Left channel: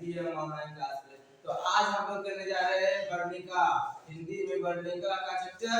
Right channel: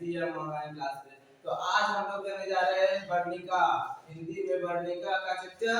भी हम online class में। तो आज हम लोग करने जा रहे हैं वर्णिका, हिंदी में वर्णिका का चैप्टर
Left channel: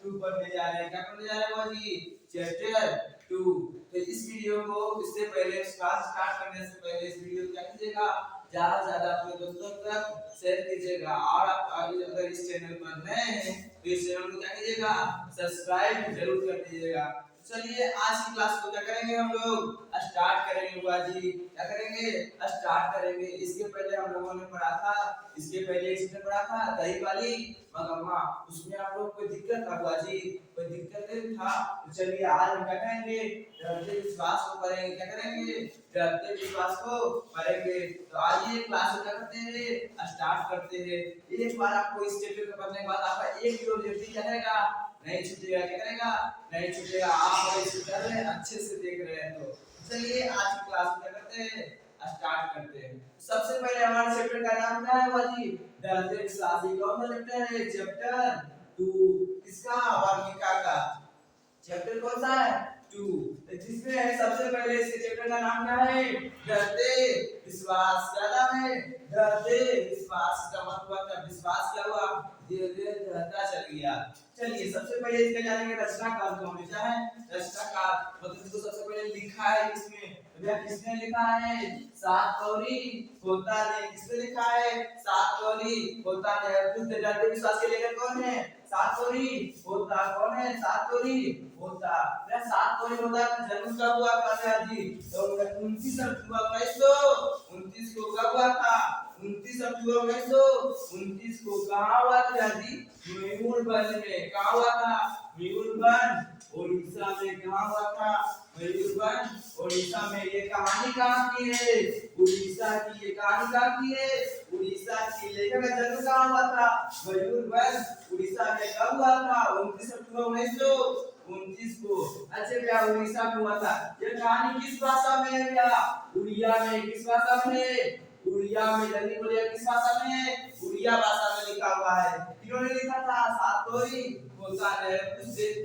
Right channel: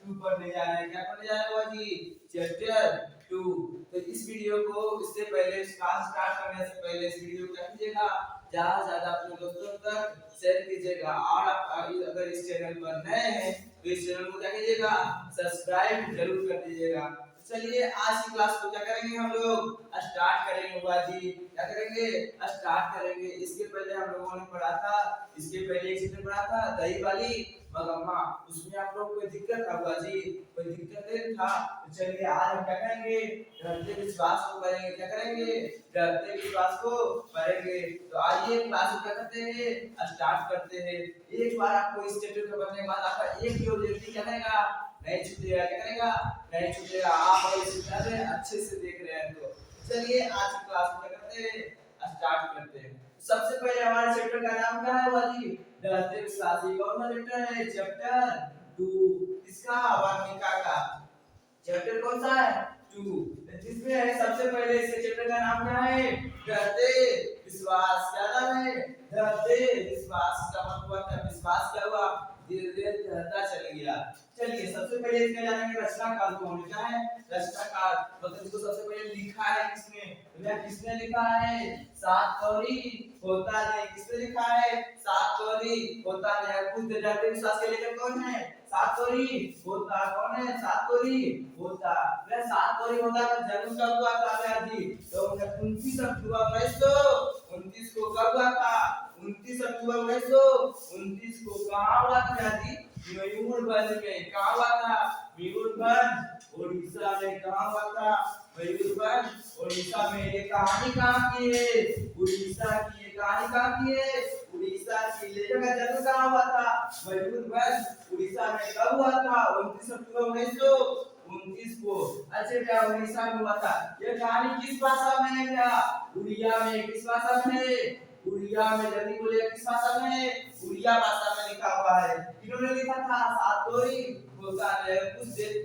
2 पढ़ने जा रहे हैं। क्या पढ़ने जा रहे हैं बाजी? चैप्टर 2। तो इस वीडियो को इससे पहले क्लास स्टार्ट करने से पहले इस वीडियो को क्या कीजिएगा, ज्यादा से ज्यादा अपने दोस्तों तक शेयर कीजिएगा। और आप अगर इस चैनल पर नए हैं तो इस चैनल को क्या कीजिएगा, सब्सक्राइब जरूर कर दीजिएगा। चलिए आज की क्लास को क्या करेंगे, हम लोग स्टार्ट करेंगे। बाजी क्या करेंगे, स्टार्ट करेंगे। इसके पहले हम लोगों ने पढ़ा था, इसके पहले एक चैप्टर पढ़ा था दही वाली मगम्मा। उसमें आप लोग कोई दिक्कत था बाजी? कोई दिक्कत नहीं था। तो चलिए आज हम क्या करेंगे, डरते विश्वास को पढ़ेंगे। क्या करेंगे, डरते विश्वास को पढ़ेंगे। तो आइए क्लास को क्या करते हैं, स्टार्ट करते हैं। एक बार आपको इस चैप्टर को पढ़ने के बाद आपका एक भी ऑब्जेक्टिव क्या करेगा, नहीं छूटेगा। क्या करेगा, नहीं छूटेगा। आप इस चैप्टर में अच्छे से देख रहे हैं। तो चलिए आज की क्लास को क्या करते हैं, स्टार्ट करते हैं। सबसे पहले हमारे चैप्टर का नाम क्या है बाजी? डरते विश्वासी। कौन सा चैप्टर है? चैप्टर 2। किसका? वर्णिका का। चैप्टर कौन सा है? 2। जिसमें सबसे पहले इसके चैप्टर का नाम क्या है? डरते विश्वास। क्या नाम है? डरते विश्वास। का मतलब क्या, विश्वास क्या हुआ, धीरे धीरे बढ़ता चल गया। चलिए सबसे पहले इसका जानेंगे रचनाकार कौन है। क्या है? रचनाकार मतलब इसको सबसे पहले लिखा है किसने? भैया किसने लिखा है? सातकौरी होता नहीं। किसने लिखा है? सातकौरी होता नहीं। खुद डरते विश्वास के लेखक कौन है? सातकौरी होता। कौन है? सातकौरी होता। भैया सातकौरी होता का जन्म कब हुआ था भैया जी? तो 29 अक्टूबर 1929 को कब हुआ था? 29 अक्टूबर 1929 को। कहाँ हुआ था भैया जी? मयूरभंज में। कहाँ हुआ था? मयूरभंज उड़ीसा में। कहाँ हुआ था? मयूरभंज उड़ीसा में। ये कहानी कहाँ की है? उड़ीसा की। ये कहानी कहाँ की है? उड़ीसा की। लेखक का जन्म कहाँ हुआ था? मयूरभंज उड़ीसा में। कब हुआ था? 29 अक्टूबर 1929 को। अच्छा भैया उड़ीसा में हुआ था। यह कहानी किस भाषा में है भैया? उड़िया में। किस भाषा में है? उड़िया में। जल्दी बोलिए किस भाषा में है? उड़िया भाषा में लिखा हुआ है। किन्होंने लिखा था? सातकौरी होता है।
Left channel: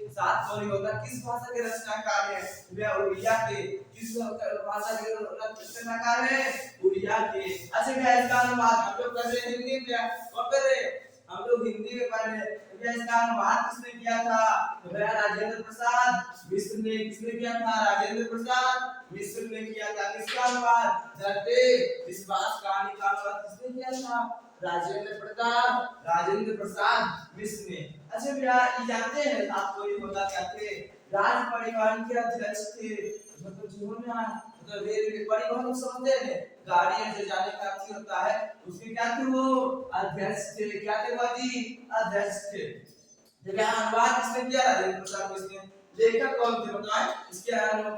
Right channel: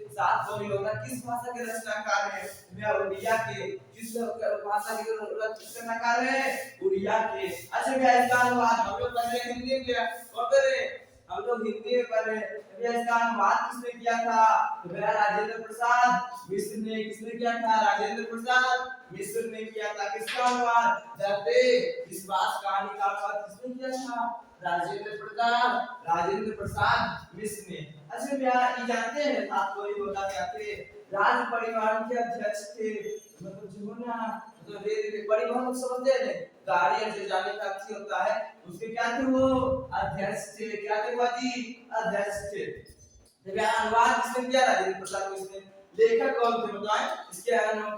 सातकौरी होता किस भाषा के रचनाकार है? भैया उड़िया के। किस भाषा के रचनाकार है? उड़िया के। अच्छा भैया इसका अनुवाद हम लोग कर रहे हैं हिंदी में। कौन कर रहे हैं? हम लोग हिंदी में पढ़ रहे हैं। भैया इसका अनुवाद किसने किया था? तो भैया राजेंद्र प्रसाद मिश्र ने। किसने किया था? राजेंद्र प्रसाद मिश्र ने किया था। किसका अनुवाद? डरते विश्वास कहानी का अनुवाद किसने किया था? राजेंद्र प्रसाद मिश्र ने। अच्छा भैया ये जानते हैं सातकौरी होता क्या थे? राज परिवहन के अध्यक्ष थे। मतलब जो ना मतलब रेल परिवहन लोग समझते हैं, गाड़ियां जो जाने का अच्छी होता है उसके क्या थे? वो अध्यक्ष थे। क्या थे बाजी? अध्यक्ष थे। जब यहाँ अनुवाद किसने किया? राजेंद्र प्रसाद मिश्र ने। लेखक कौन थे बताएं? इसके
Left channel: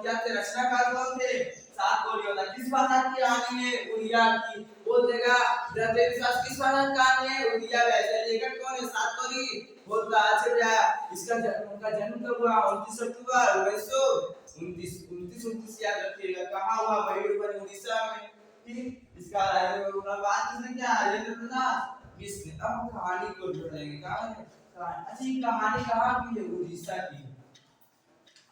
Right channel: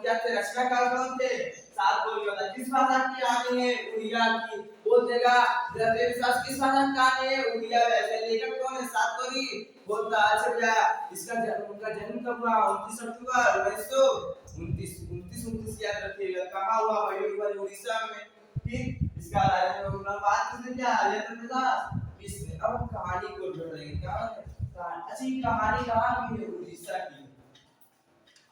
क्या थे? रचनाकार कौन थे? सातकौरी होता किस भाषा की कहानी है? उड़िया की। बोल देगा डरते विश्वास किस भाषा की कहानी है? उड़िया। वैसे लेखक कौन है? सातकौरी होता। अच्छा भैया इसका उनका जन्म कब हुआ? 29 अक्टूबर 1929। 29 याद रखिएगा। कहाँ हुआ? मयूरभंज उड़ीसा में। ठीक। इसका अनुवाद किसने किया? राजेंद्र प्रसाद मिश्र ने। अब कहानी को जोड़ेंगे। कहाँ है कहानी? अच्छी कहानी कहाँ की है? उड़ीसा की।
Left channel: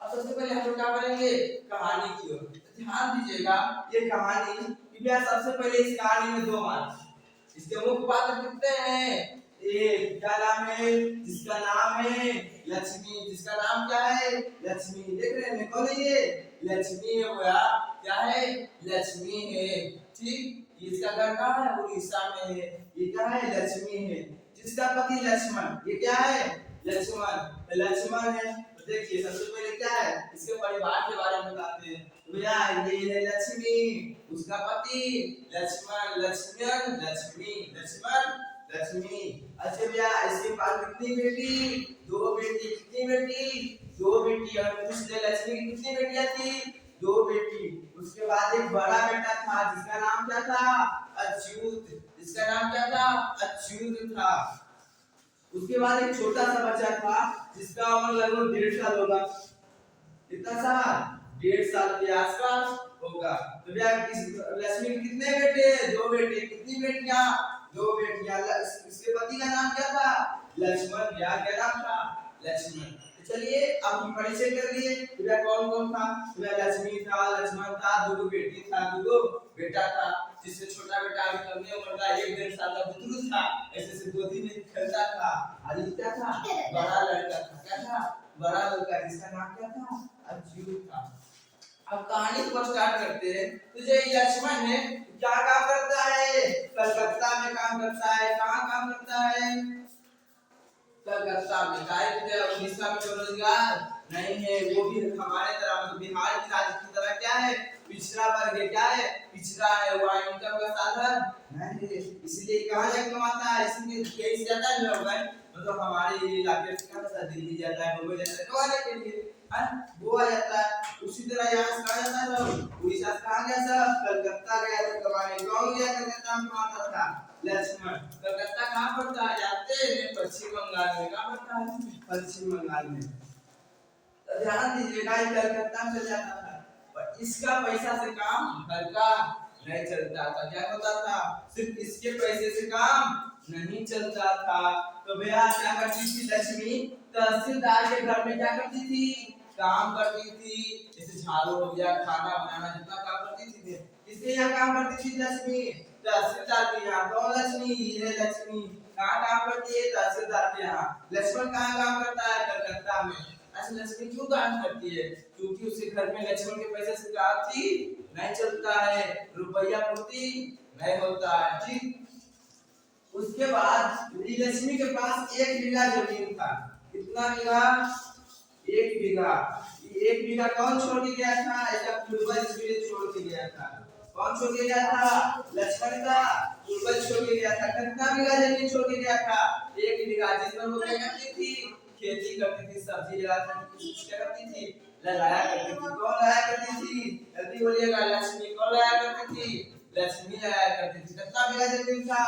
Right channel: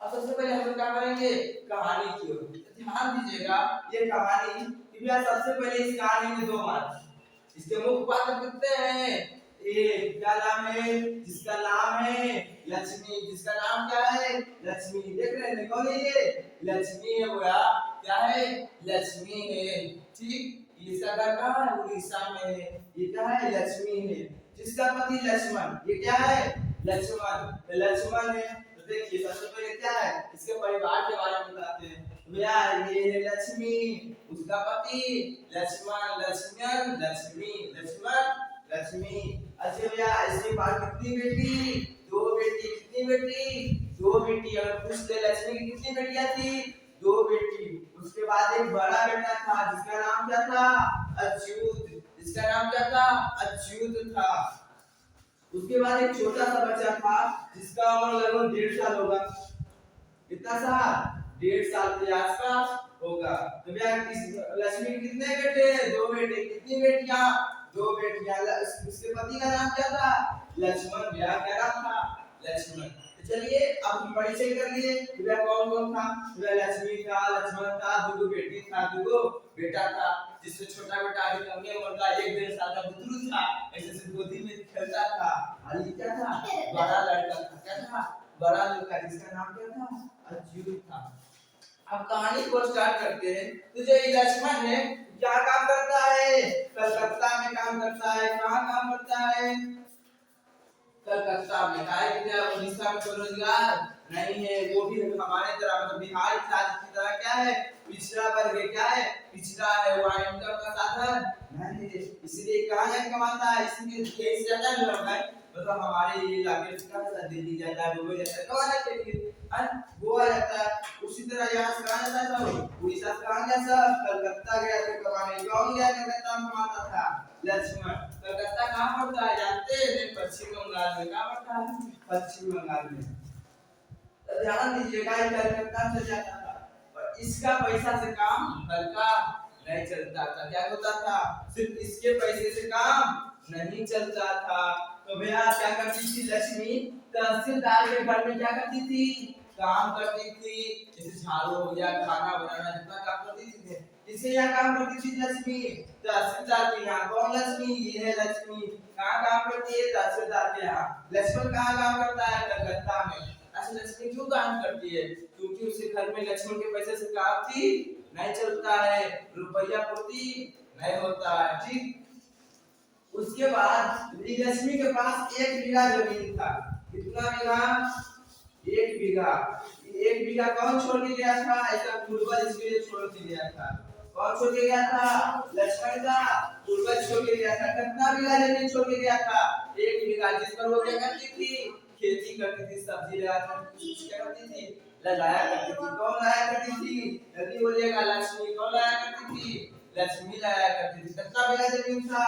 अब सबसे पहले हम लोग क्या करेंगे, कहानी की ओर ध्यान दीजिएगा। ये कहानी भैया सबसे पहले इस कहानी में 2 पात्र, इसके मुख्य पात्र कितने हैं? एक क्या नाम है? जिसका नाम है लक्ष्मी। जिसका नाम क्या है? लक्ष्मी। देख रहे हैं कौन है ये? लक्ष्मी है भैया। क्या है? लक्ष्मी है। ठीक। इसका घर कहाँ है? उड़ीसा में है। ये क्या है? लक्ष्मी है। जिसका पति लक्ष्मण। ये क्या है? लक्ष्मण। लक्ष्मण है। देखिए सबसे पहले क्या है, इसके परिवार के बारे में बताते हैं। भैया ये है लक्ष्मी, उसका पति लक्ष्मण। लक्ष्मण लक्ष्मी। लक्ष्मण लक्ष्मी। अच्छा भैया इसके पास कितनी बेटी? 2 बेटी। कितनी बेटी? 2 बेटी। अगर पूछ ले लक्ष्मी की कितनी बेटियां थी? 2 बेटी। उसके बाद एक बड़ा बेटा था जिसका नाम क्या था? अच्युत। जिसका नाम क्या था? अच्युत था। उसके बाद एक छोटा सा बच्चा था जिसका उम्र लगभग 1.5 साल होगा। कितना सा? 1.5 साल के आसपास होगा। तो भैया लक्ष्मी के कितने बेटे? 2 बेटे। कितनी बेटियां? 2 बेटियां। इसके पति का नाम क्या था? लक्ष्मण। भैया क्या नाम था? लक्ष्मण। तो चलिए अब हम परिचय कर लिए। भैया कौन कौन था? भैया लक्ष्मी था, लक्ष्मण था, 2 बेटी था, 2 बेटा था। जिससे छोटा बेटा अभी कम उम्र का 1-1.5 साल का बुतरू था, ऐसे से गोदी में खेलता था। और ये क्या था, बड़ा लड़का था, क्या था, बड़ा लड़का, जिसका नाम क्या था, अच्युत था। अब कहानी को स्टार्ट करते हैं। तो जो लक्ष्मण है क्या काम करता है, कलकत्ता में काम करता है। कहाँ काम करता है, कलकत्ता में। क्या उड़ीसा में तो रोजगार नहीं है, वो भी हमारे तरह मतलब बिहार की राज्य की तरह क्या है, पिछड़ा वर्ग है। क्या है, पिछड़ा है, वहाँ इनकम का साधन नहीं है, इसलिए कहाँ जाके कमाता है, इसलिए कहीं जाता है लोग है, मतलब हमारे इलाके से क्या जाता है, दिल्ली जाता है, मुंबई जाता है कमाने के लिए, है गोवा जाता है। उसी तरह यहाँ से कहाँ जाता है, उड़ीसा से कहाँ गया, सब कलकत्ता गया था कमाने। कौन गया कलकत्ता में कमाता था, लक्ष्मण। कलकत्ता कहाँ पड़ता है जानते हैं, पश्चिम बंगाल में। कहाँ पड़ता है, पश्चिम बंगाल में। तो ध्यान दीजिएगा, कलकत्ता में जाता था, पर इसका पैसा से काम घर का नहीं चलता था। क्या होता था, सिर्फ इसके पैसे से काम नहीं चलता था। तो भैया क्या करती थी लक्ष्मी, तहसीलदार के घर में क्या करती थी, काम करती थी। जैसे झाड़ू हो गया, खाना बनाना, जितना काम करती थी। किसके यहाँ काम करती थी लक्ष्मी, तहसीलदार के यहाँ। कौन लक्ष्मी, ये है लक्ष्मी। कहाँ काम करती है, तहसीलदार के यहाँ। लक्ष्मण कहाँ काम करता है, कलकत्ता में। अच्छा लक्ष्मी क्यों काम करती है, क्योंकि उसके घर में लक्ष्मण के पैसे से काम थी नहीं चलता है, रुपया पूर्ति नहीं होता है। ठीक, उसके बाद लक्ष्मी के पास 1 बीघा जमीन था। कितना बीघा, 1 बीघा। 1 बीघा कौन छोड़ के गया था, ऐसा पूर्वज इसके लिए छोड़ के गया था। कौन छोड़ के गया था, लक्ष्मण का पूर्वज छोड़ के गया था। कितना बीघा जमीन छोड़ के गया था, 1 बीघा, जिस पर वो क्या करती थी, खेती करती थी, सब्जी लगाती थी, क्या करती थी, लगाया करती थी। कौन लगाया करती थी, जल्दी बोलिएगा, लक्ष्मी। कौन लगाया करती थी, लक्ष्मी लगाया करती थी। कितना बीघा जमीन था,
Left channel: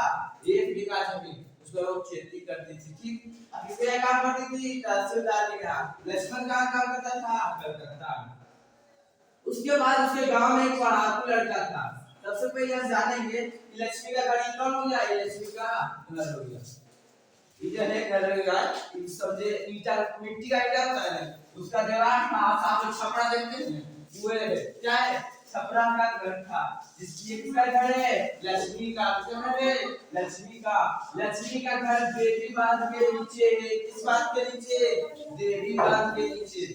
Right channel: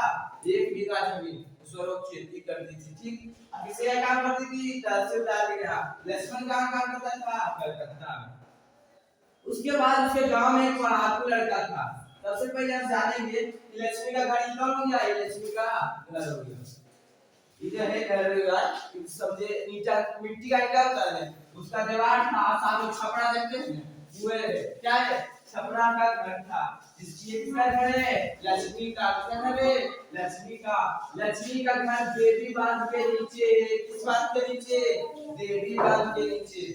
1 बीघा जमीन, उस पर वो खेती करती थी। ठीक, अब किसके यहाँ काम करती थी, तहसीलदार के यहाँ। लक्ष्मण कहाँ काम करता था, कलकत्ता में। उसके बाद उसके गांव में एक पढ़ाकू लड़का था। सबसे पहले हम जानेंगे कि लक्ष्मी का घर कौन हो गया, ये लक्ष्मी का घर हो गया। ये जो है घर होगा, समझे ईटा, मिट्टी का ईटा होता है ना, उसका दीवार था, साथ में छपरा देखते हैं, वो है क्या है, छपरा का घर था। जिसकी किसका घर है, लक्ष्मी का। किसका घर है, लक्ष्मी का। लक्ष्मी का घर देवी बांध के नीचे है। किस बांध के नीचे, देवी बांध के नीचे।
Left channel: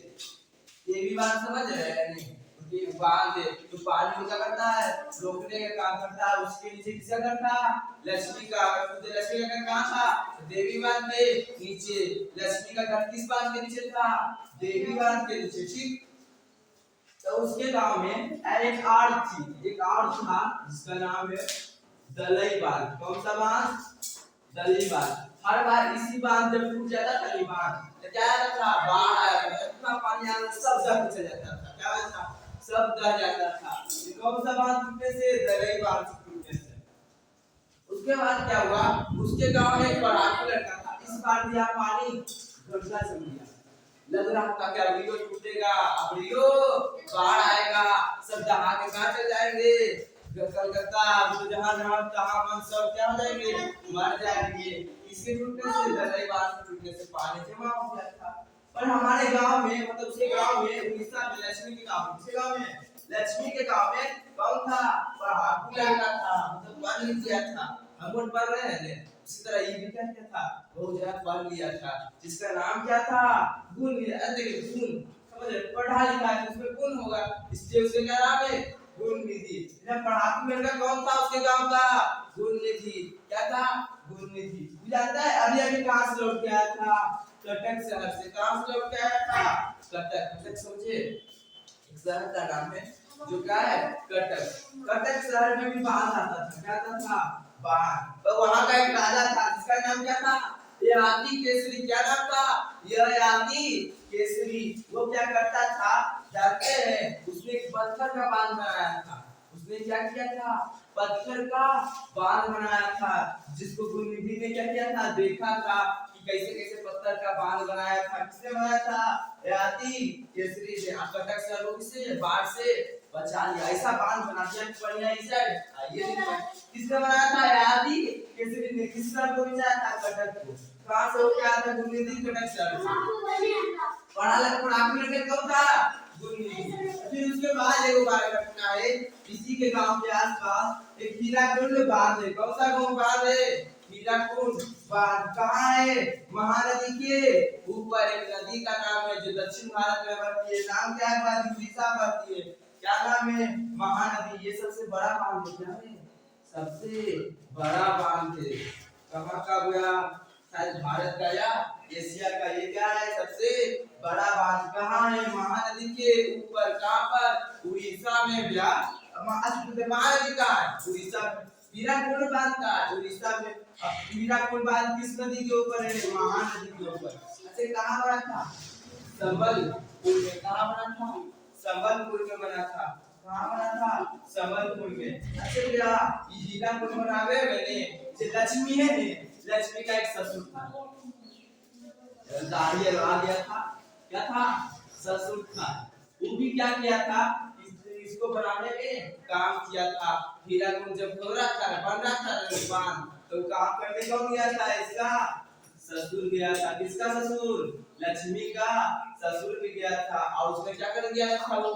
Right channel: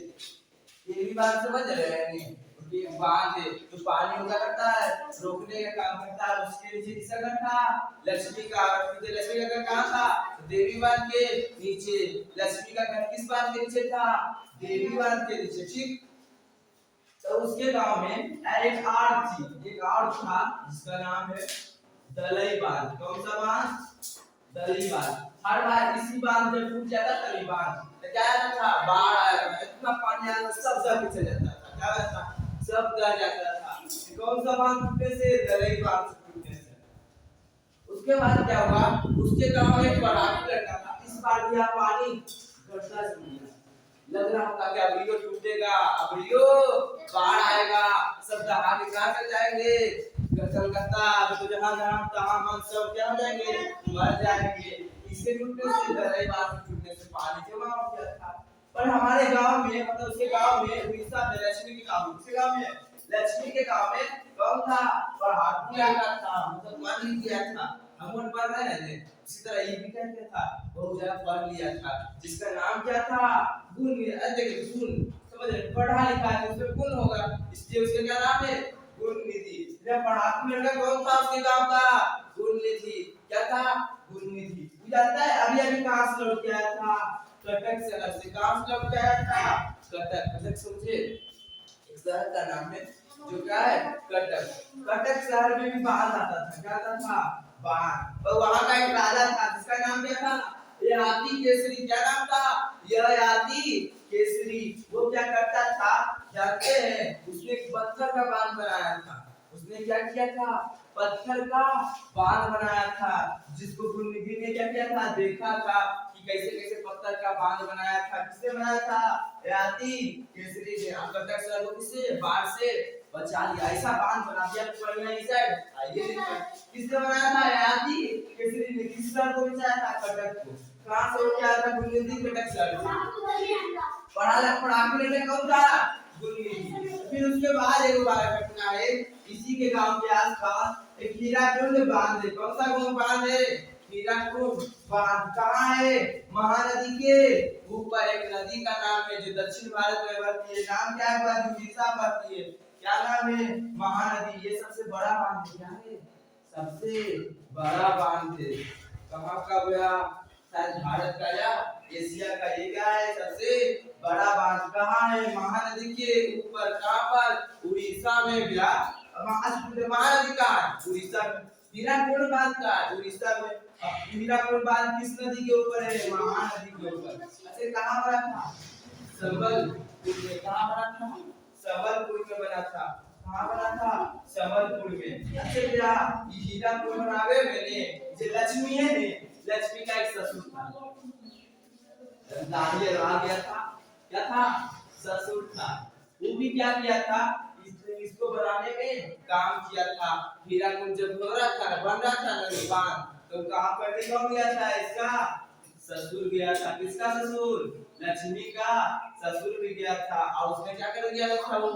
देवी बांध समझ रहे हैं नहीं, बांध तो पानी क्या करता है, रोकने का काम करता है। उसके नीचे किसका घर था, लक्ष्मी का। लक्ष्मी का घर कहाँ था, देवी बांध के नीचे। लक्ष्मी का घर किस बांध के नीचे था, देवी बांध के नीचे। ठीक, तो उसके गांव में एक आड़ थी, एक आड़ था, जिसका नाम है दलई बांध। कौन सा बांध, दलई बांध। हर बार इसी बांध जब टूट जाता था दलई बांध, तो क्या आता था, बाढ़ आया करता, इतना पानी आया, सब जगह पीछे जाता था। क्या होता था, सब रह जाता था। कौन सा बांध टूटने से, दलई बांध टूटने से। उसके बाद क्या हुआ, उसके गांव में एक पढ़ाकू लड़का था। इस बार भी पानी घटना से मिला, लग रहा था कि अब रियो टूटेगा, अब रियो बाढ़ आएगा, सब दहा के कहां चल जाएंगे, कलकत्ता। तो जहां जहां तहां मन सब क्या हो जाएंगे, मर जाएंगे। इसके टूटने से, दलई बांध टूटने से पानी जमा हो गया था। पर हमारे गांव में, मतलब उसके गांव में, उड़ीसा में, लक्ष्मी के गांव में, उसके गांव में, लक्ष्मी के गांव में कौन था, पढ़ाकू लड़का था, मतलब पढ़ लिख गया था। हम लोग पढ़ रहे हैं, उसी तरह ये भी क्या था, बहुत ज्यादा पढ़ लिया था, जिसका नाम क्या था, गुण। देखिए गुण, समझ रहे, पढ़ा लिखा है, उसमें गुण होगा, इसलिए उसका क्या नाम है, गुण निधि। जब पढ़ाकू लड़का कौन था उसके गांव का, गुण निधि। क्या था, गुण निधि। जानता है अभी अभी कहां से लौट के आया था, कटक शहर से। कहां से लौट के आया था, कटक। कटक समझे, एक शहर का नाम है जो क्या है, कटक। कटक शहर में भी बाढ़ आता था। क्या आता था, बाढ़। तो वहां का एक राजा था, जिसका नाम क्या था, ययाति केसरी। क्या नाम था, ययाति केसरी। वो क्या करता था जानते हैं, उसने एक पत्थर का बांध बनाया था। उसने क्या किया था, पत्थर का बांध बनाया था, जिसको गुण निधि ने क्या किया था, देखा था कि कैसे कैसे पत्थर का बांध बनाया था। किसने बनाया था, ययाति केसरी ने। कटक शहर को किससे, बाढ़ से बचा लिया। ऐसा बांध बना दिया बढ़िया। इस साइड आइए, किसने बनाया था, ययाति केसरी ने। किस शहर को बचाया था, कटक को। कहां से होके आया था, गुण निधि, कटक शहर से। पढ़ाकू लड़का कौन था, गुण निधि। फिर उसके उसके बाद एक बार घटना है, इसी के गांव के आसपास एक हीराकुंड बांध है। कौन सा गांव बांध है? हीराकुंड बांध। कहाँ है? महानदी के ऊपर एक नदी का नाम है जो दक्षिण भारत में बहती है। नाम क्या है? बात उड़ीसा बहती है। क्या नाम है? महानदी। ये सबसे बड़ा बांध है। क्या है? सबसे बड़ा बांध है। कहाँ का गया? शायद भारत का या एशिया का। ये क्या है? सबसे बड़ा बांध। कहाँ है? महानदी के ऊपर। कहाँ पर? उड़ीसा में भैया। महानदी कहाँ है? उड़ीसा में। हीराकुंड बांध का है उड़ीसा में। हीराकुंड बांध किस नदी के ऊपर है? महानदी के ऊपर। अच्छा कहाँ बना था? संबलपुर में। कहाँ बना था? संबलपुर में बना था। कहाँ बना था? संबलपुर में। अच्छा भैया ये हीराकुंड बनावे मैंने जो लक्ष्मी है ने, लक्ष्मी का एक ससुर था। दाढ़ी आ गया था। क्या था? ससुर था। वो भी क्या किया था? इसको बनाने में काम किया था। हीराकुंड जब हो रहा था, बन रहा था ना बांध, तो काम करने कौन गया था? इसका ससुर गया था। किसका ससुर? लक्ष्मी का ससुर भी गया था। और उसने क्या कर दिया था? वो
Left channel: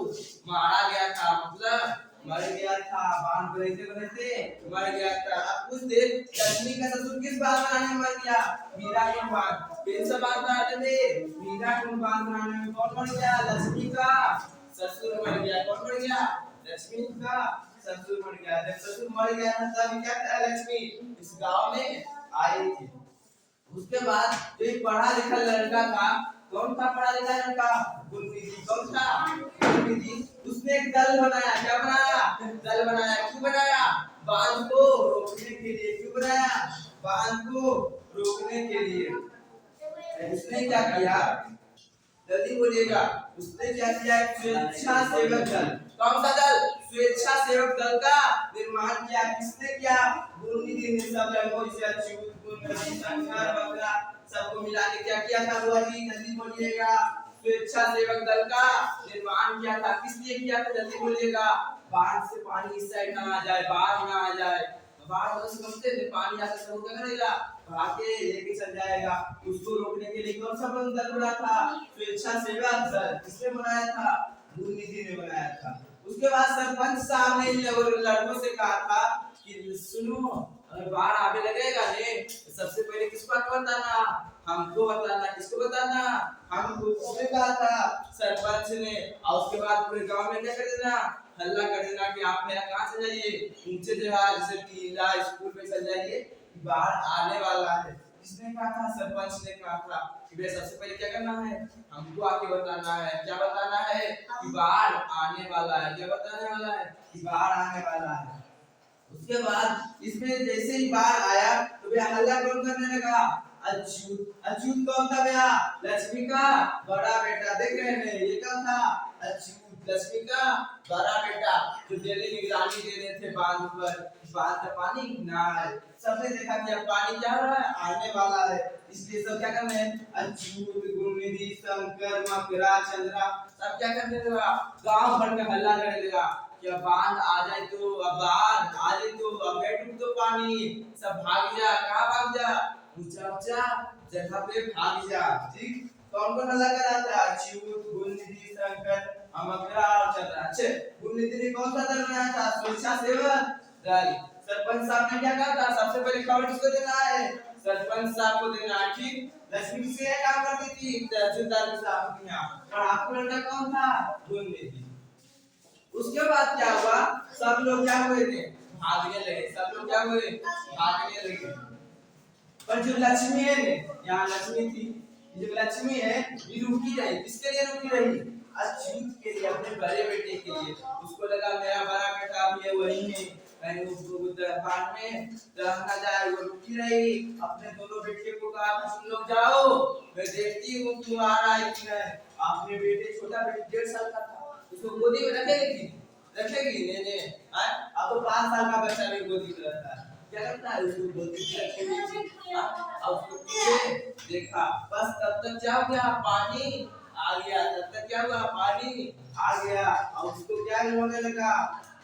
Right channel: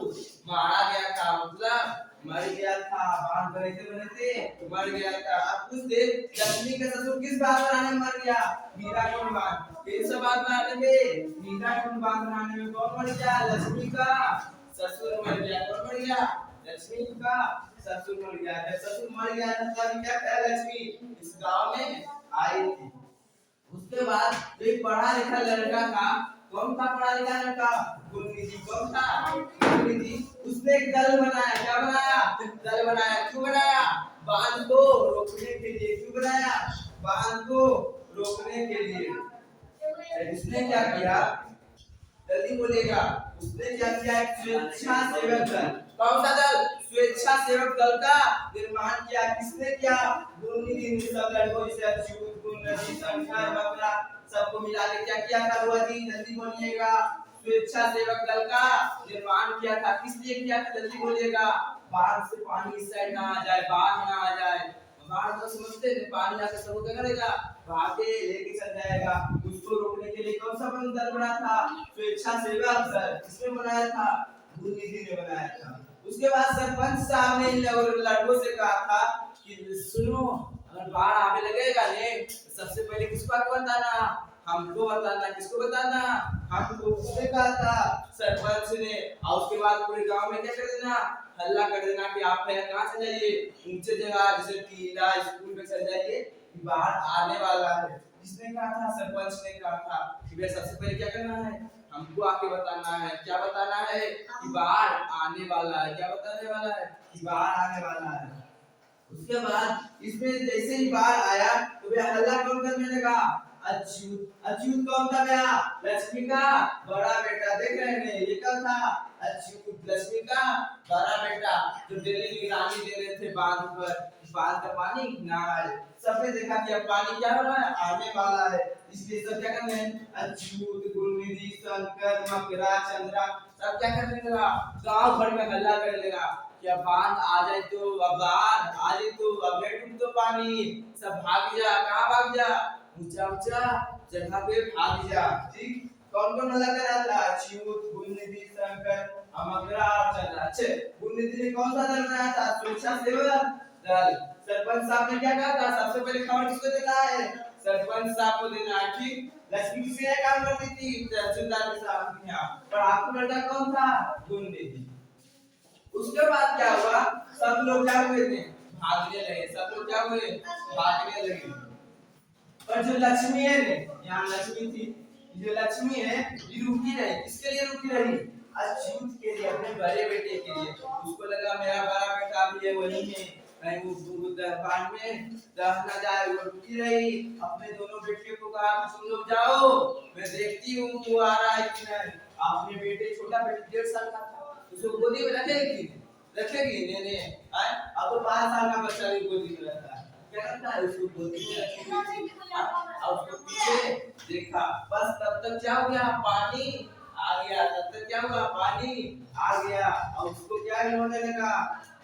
मारा गया था, मतलब मर गया था। बांध कैसे बने थे? मर गया था। अब कुछ देर लक्ष्मी का ससुर किस बांध बनाने में मर गया? हीराकुंड बांध। किन सा बांध बनाने में? हीराकुंड बांध बनाने में कौन मर गया? लक्ष्मी का ससुर मर गया। कौन मर गया? लक्ष्मी का ससुर मर गया। जब ससुर मर गया था तब क्या किया लक्ष्मी? इस गांव में आई थी। उसके बाद एक पढ़ा लिखा लड़का था। कौन था पढ़ा लिखा लड़का? गुरमीत। कौन था? गुरमीत। उसने एक दल बनाया। क्या बनाया? दल बनाया। क्यों बनाया? बांध को रोकने के लिए। क्यों बनाया? बांध को रोकने के लिए। इसने क्या किया? जल्दी बोलिएगा। उसने क्या किया? स्वेच्छा सेवक दल। कौन सा दल? स्वेच्छा सेवक दल का निर्माण किया। किसने किया? गुरमीत ने। सब लड़कों जैसे अच्युत, गुरनदी, शंकर, बकरा सबको मिला के क्या किया था? बुआ जी जल्दी बोलिएगा। स्वेच्छा सेवक दल का निर्माण किया था। किस लिए किया था? जल्दी बोलिएगा। बाढ़ से पानी इस साइड ना आ जाए, बाढ़ ना आ जाए। बाढ़ तो समझते हैं पानी आके सब क्या करेगा? भागे लेके चल जाएगा। उसको रोकने के लिए कौन सा दल बना था? स्वेच्छा सेवक दल। किसने बनाया था? गुरनीति ने बनाया था। उसके बाद सरपंच साहब ने इन लड़कों से कहा था कि सुनो, अगर बाढ़ आने लगेगा ने तो सबसे पहले किसको बताना? हमको बताना। किसको बताना? हमको। उसने कहा था सरपंच ने। और उसके बाद पूरे गांव में क्या कर देना? हल्ला कर देना कि आप कहाँ चल जाइए, ऊंचे जगह जैसे टीला स्कूल में चल जाइए, बाढ़ आने वाला है। किसने कहा था? सरपंच ने कहा था कि भाई सबसे पहले क्या करना है? हमको आके बताना है। क्या बताना है? कि बाढ़ आने वाला है। क्या बताने वाला है? कि बाढ़ आने वाला है। उसके बाद इसमें जैसे ही बाढ़ आया तो भैया हल्ला कौन करने लगा? अच्युत। अच्युत कौन था भैया? लक्ष्मी का बड़ा बेटा। देख रहे हैं ये क्या था? अच्युत लक्ष्मी का बड़ा बेटा, जो डेली निगरानी दे रहे थे बांध पर। बांध का पानी ना आए। सबने देखा कि अब पानी क्या हो रहा है? आने वाला है। इसलिए सब क्या कर रहे हैं? अच्युत, गुरनिधि, शंकर, मकरा, चंद्रा सब क्या करने लगा? गांव भर में हल्ला करने लगा कि अब बांध आ जाए तो, अब बाढ़ आ जाए तो, अब बैठ तो पानी, सब भाग जा। कहाँ भाग जा? ऊंचा ऊंचा जगह पे भाग जा। ठीक। कौन कौन हल्ला कर रहा था? अच्युत, गुरनिधि, शंकर, मकरा और चंद्रा। अच्छे। गुरनिधि ने कौन सा दल बनाया था? स्वेच्छा सेवक दल। सरपंच साहब ने क्या कहा था? सबसे पहले खबर किसको देना है? सरपंच साहब को देना है। ठीक। लक्ष्मी किससे काम करती थी? तहसीलदार के साथ की यहाँ। और आपका लड़का कौन था? गुरनिधि। उसके बाद क्या हुआ? सब लोग क्या हुए थे? भागने लगे। सब लोग क्या हुए? भागने लगे। पर जो लक्ष्मी है ने, यहाँ लक्ष्मी थी, जो लक्ष्मी है ये रुकी रही। किसके लिए रुकी रही? अच्युत के लिए, अपने बड़े बेटे के लिए। उसको लगा मेरा बड़ा बेटा भी है वही है, कहीं वो पान में रह ना जाए। वो रुकी रही। अपने दोनों बेटे को कहा तुम लोग जाओ, मैं देखती हूँ तू आ रहा है कि नहीं। अपने बेटे, छोटा बेटा 1.5 साल का था, उसको गोदी में रखेगी? रखेगी? नहीं। अब तो 5 साल का बच्चा भी गोदी में रहता है। क्या करता है? उसको गोदी में रखेगी और उसको पीछे देखा। बस तब तक क्या हो गया? पानी आ गया। तब तक क्या हुआ? पानी आ गया और उसको क्या होने लगा?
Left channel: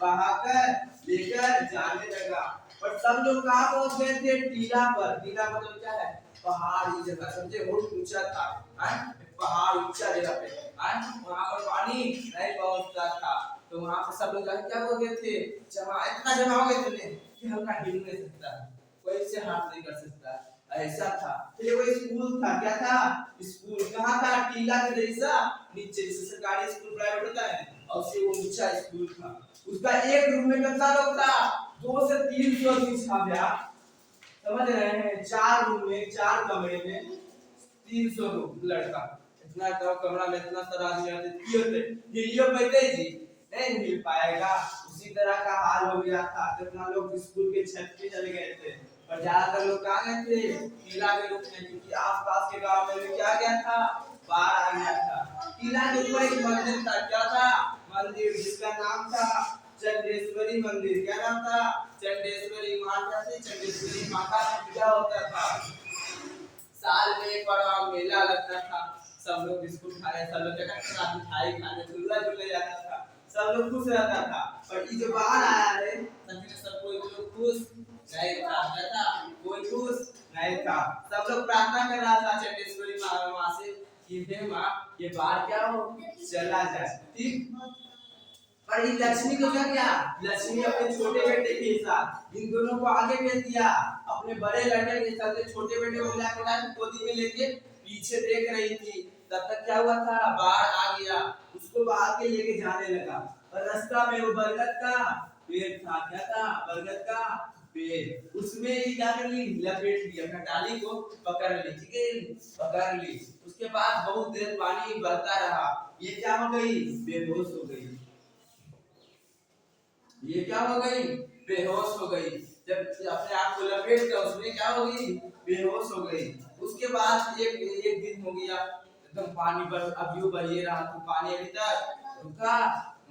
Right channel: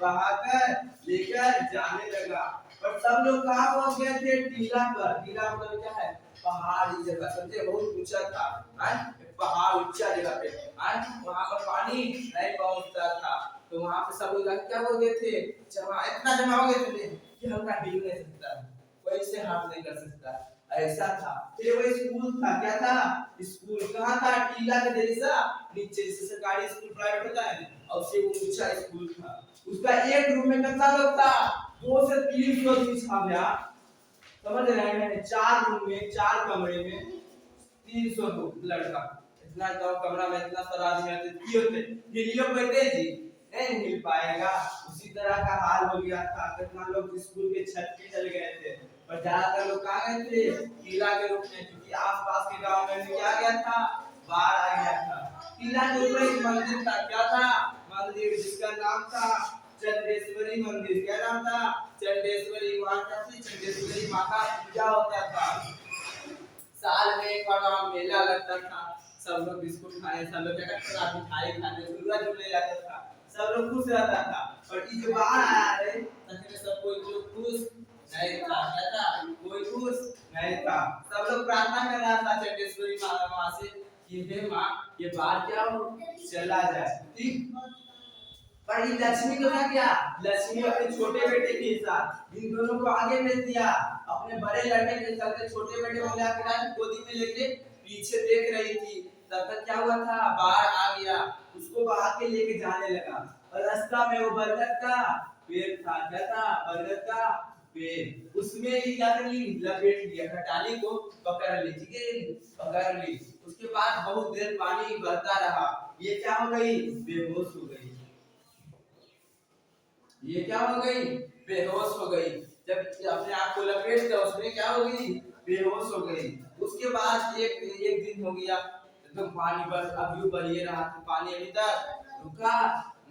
बहाकर लेकर जाने लगा। पर सब लोग कहाँ पहुंच गए थे? टीला पर। टीला मतलब क्या है? पहाड़ी जगह, समझे? बहुत ऊंचा था। पहाड़ ऊंचा जगह पे। वहां पर पानी नहीं पहुंचता था। तो वहां पे सब लोग जाके क्या हो गए थे, जमा इतना जमा हो गए थे कि हल्का हिल नहीं सकता, कोई से हाथ नहीं कर सकता, ऐसा था। फिर वो स्कूल था, क्या था स्कूल, कहाँ था, टीला के जैसा नीचे, जैसे सरकारी स्कूल प्राइवेट होता है और उससे वो ऊंचा स्कूल था। उसका एक रूम में कितना लोग था, 2 से 3 सौ था भैया, समझ रहे हैं, 4 रूम में 4 कमरे में 300 लड़का, इतना तो कमरा में इतना सारा आदमी रहते होते, हिलियो पैते जी नहीं मिल पाएगा। उसी तरह का हाल हो गया था, कितना लोग स्कूल के छत पे चले गए थे, और ज्यादातर लोग कहाँ गए थे, किला के रूप में, क्योंकि आसपास के गांव में भी क्या गया था, बाढ़ आ गया था। किला के ऊपर एक मंदिर था, क्या था, मंदिर जिसका नाम था चंडेश्वरी मंदिर, क्या नाम था, चंडेश्वरी। वहां क्या थी, चंडेश्वरी माँ का पूजा होता था, साल में एक बार वहां मेला लगता था, सब लोग बिस्कुट खाए, सब लोग क्या करते थे, मिठाई खाने झूला झूलने जाता था, सब लोग खुश रहता था। और ये जो बाहर आया है सच सब कोई लोग खुश नहीं था, क्या था, कोई खुश नहीं था। सब लोग प्रार्थना कर रहा था चंडेश्वरी माँ से कि हे माँ ये बाहर क्या हो चला जाए, ठीक। पर ये लक्ष्मी को क्या किया, लक्ष्मी अपने छोटे बेटे के साथ इन दोनों को आगे भेज दिया, अपने बड़े लड़के के साथ छोटे बेटे को मिलाकर गोदी में लेके पीछे देख रही थी। तब तक क्या हुआ था, बाढ़ आ गया, उसको बाहर के लेके जाने लगा, और रास्ता में वो बरगद का पेड़ था, क्या था, बरगद का पेड़, उसमें ही क्या कर ली, लपेट लिया, डाली को पकड़ ली, ठीक है, पकड़ ली। उसके बाद बहुत देर पानी बहता रहा, ये क्या हो गई, बेहोश हो गई, ये क्या हो गई, बेहोश हो गई। जब अपने आप को लपेट कर उसमें क्या हो गई, बेहोश हो गई। उसके बाद एक दिन हो गया, एकदम पानी पर अब यूं बह रहा था, पानी अभी तक रुका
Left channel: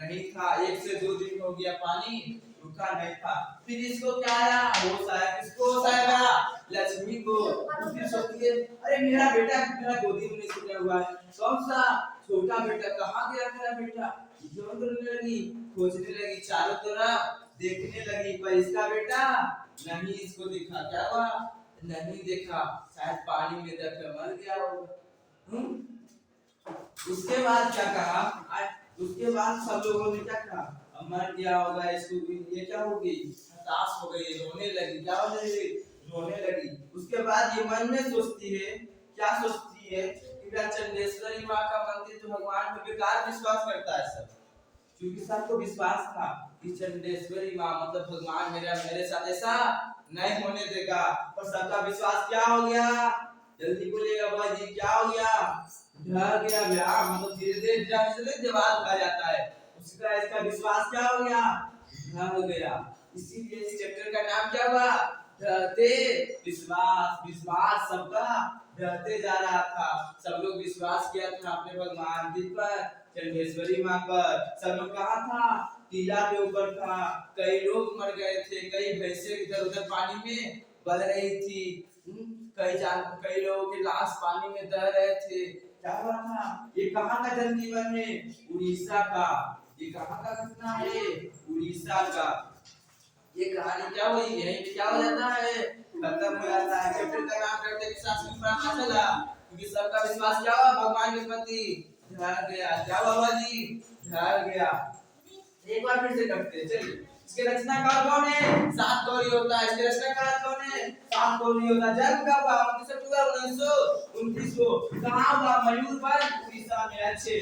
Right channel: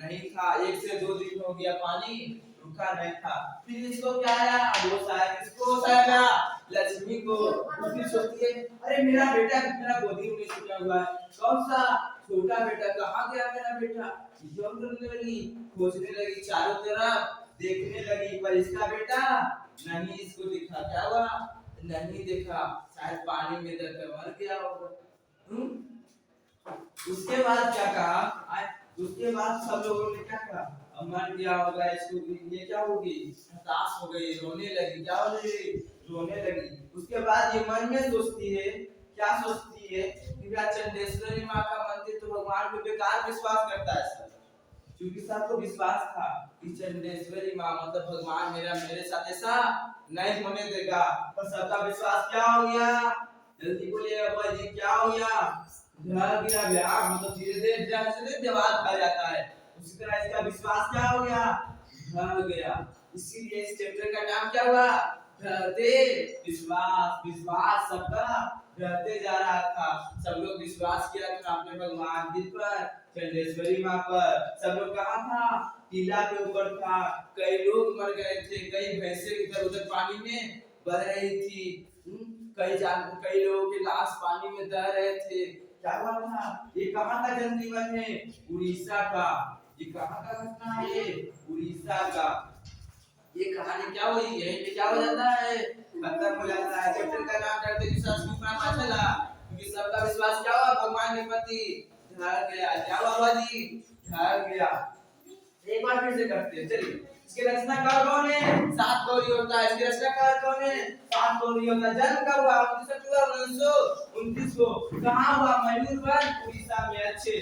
नहीं था, 1 से 2 दिन हो गया पानी रुका नहीं था। फिर इसको क्या आया, होश आया, किसको होश आया, लक्ष्मी को। फिर सोचती है अरे मेरा बेटा मेरा गोदी में नहीं छूटा हुआ है, कौन सा छोटा बेटा, कहाँ गया मेरा बेटा, जोन करने लगी, खोजने लगी, चारों तरफ देखने लगी, पर इसका बेटा नहीं इसको दिखा, क्या हुआ, नहीं देखा, शायद पानी में दबकर मर गया होगा। उसके बाद क्या कहा, उसके बाद सब लोगों ने क्या कहा, मर गया होगा, इसको ये क्या होगी, हताश हो गई, रोने लगी, क्या हो गई, रोने लगी। उसके बाद ये मन में सोचती है, क्या सोचती है कि चंडेश्वरी माँ का मंदिर तो भगवान पे बेकार विश्वास करता है सब, क्योंकि सबको विश्वास था कि चंडेश्वरी माँ मतलब भगवान मेरे साथ ऐसा नहीं होने देगा, पर सबका विश्वास क्या हो गया, जल्दी बोलिएगा बाजी, क्या हो गया, ढह गया व्याह, मतलब धीरे धीरे जैसे दीवार खा जाता है उसी तरह इसका विश्वास क्या हो गया, ढह गया। इसीलिए इस चैप्टर का नाम क्या हुआ, ढहते विश्वास। विश्वास सबका ढहते जा रहा था, सब लोग विश्वास किया था अपने भगवान जी पर, चंडेश्वरी माँ पर। सब लोग कहाँ था, टीला के ऊपर था, कई लोग मर गए थे, कई भैंसे इधर उधर पानी में बह रही थी, कई लोगों के लाश पानी में दह रहे थे। क्या हुआ था, ये कहाँ का जनजीवन है, उड़ीसा का, ये कहाँ का घटना है, उड़ीसा का। ये कहानी क्या हुई, यहीं पे क्या हो जाता है, खत्म हो जाता है। चैप्टर का नाम डरते विश्वास क्यों पढ़ा चला, क्योंकि सबका विश्वास क्या हुआ, भगवान के प्रति ढह गया। क्या हुआ जी, ढह गया। एक बार फिर से करते हैं, चलिए। इसके रचनाकार कौन है, 7 गौरी होता है, इसके रचनाकार कौन है, 7 गौरी होता है। जन्म कब हुआ, 29 अक्टूबर 1929 को, कहाँ हुआ, मयूरभंज उड़ीसा में। अच्छे,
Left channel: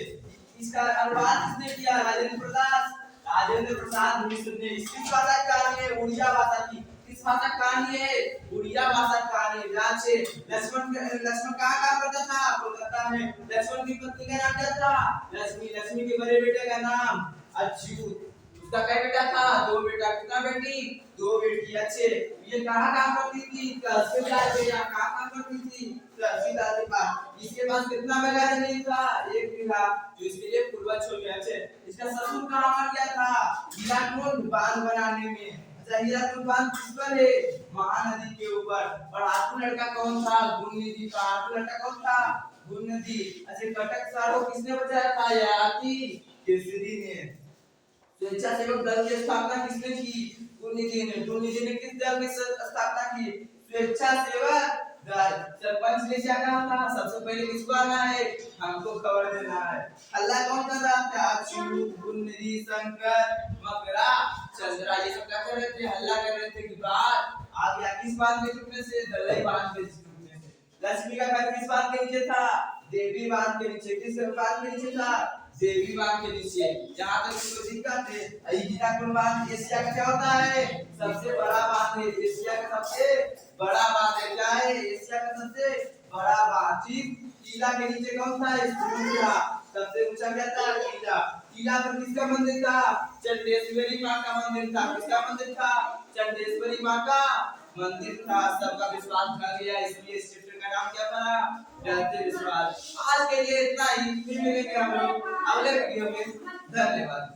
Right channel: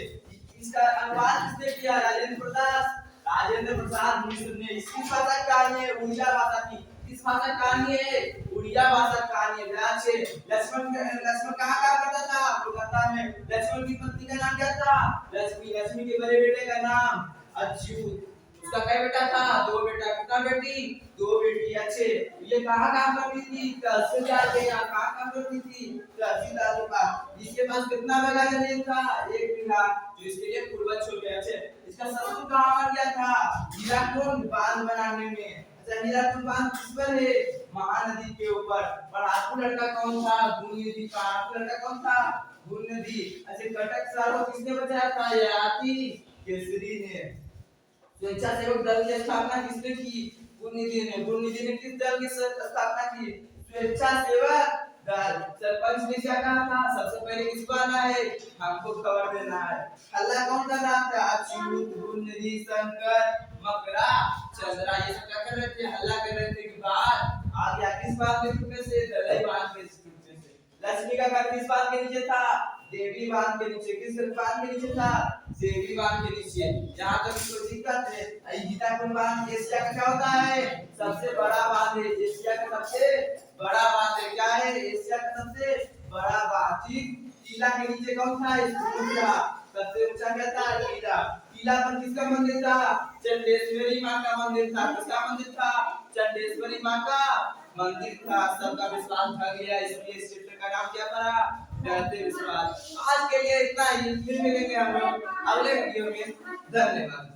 इसका अनुवाद किसने किया, राजेंद्र प्रसाद, राजेंद्र प्रसाद मिश्र ने। इसकी भाषा कहानी है उड़िया भाषा की, किस भाषा कहानी है, उड़िया भाषा कहानी है। अच्छे, लक्ष्मण कहाँ काम करता था, कोलकाता में। लक्ष्मण की पत्नी का नाम क्या था, लक्ष्मी। लक्ष्मी के बड़े बेटे का नाम अच्युत। उसका क्या बेटा था, 2 बेटा, कितना बेटी, 2 बेटी। अच्छे, ये कहाँ काम करती थी, तहसीलदार के यहाँ। कहाँ काम करती थी, तहसीलदार के पास। इसके पास कितना बीघा जमीन था, 1 बीघा, जो इसके लिए पूर्वज हो गया। अच्छे, इसका ससुर कहाँ मर गया था, हीराकुंड बांध बनाने में। अच्छा, हीराकुंड बांध किस पर है, महानदी के ऊपर। और आठवां लड़का कौन था, गुणनिधि का। आठवां लड़का कौन था, गुणनिधि। अच्छा, कटक शहर को किसने बचाया था, ययाति केसरी ने। स्वेच्छासेवक दल की स्थापना किसने की, गुणनिधि ने। गुणनिधि ने किस दल की स्थापना की, स्वेच्छासेवक डर। सरपंच ने क्या कहा था, सबसे पहले किसको आना है, हमको खबर देना है। हल्ला कौन कर रहा था, अच्युत, गुन्नरी, शंकर, मकरा, चंद्रा, ये सब क्या कर रहे थे, हल्ला कर रहे थे कि बात आ गया। किस बात के टूटने से, दलई बांध के टूटने से। लक्ष्मी का घर किस बात के नीचे था, देवी बांध के नीचे। किस बांध के नीचे था, देवी बांध के नीचे। जहां तक कोई दिक्कत है, गीता कुंड बांध एशिया का क्या होता है, सबसे बड़ा बांध है। एशिया का सबसे बड़ा बांध है, क्या है, एशिया का सबसे बड़ा बांध। ठीक, किला के नीचे कौन था, स्तूप था। सबसे ऊंचा क्या था, किला। किला पर किसका मंदिर था, चंडेश्वरी माँ का मंदिर था। किसका मंदिर था, चंडेश्वरी माँ का मंदिर था। सबका विश्वास ढह गया, इसलिए इस चैप्टर का नाम क्या पड़ा, डरते विश्वास। आज के लिए इतना ही, फिर मिलेंगे हम लोग अगले वीडियो में। धन्यवाद।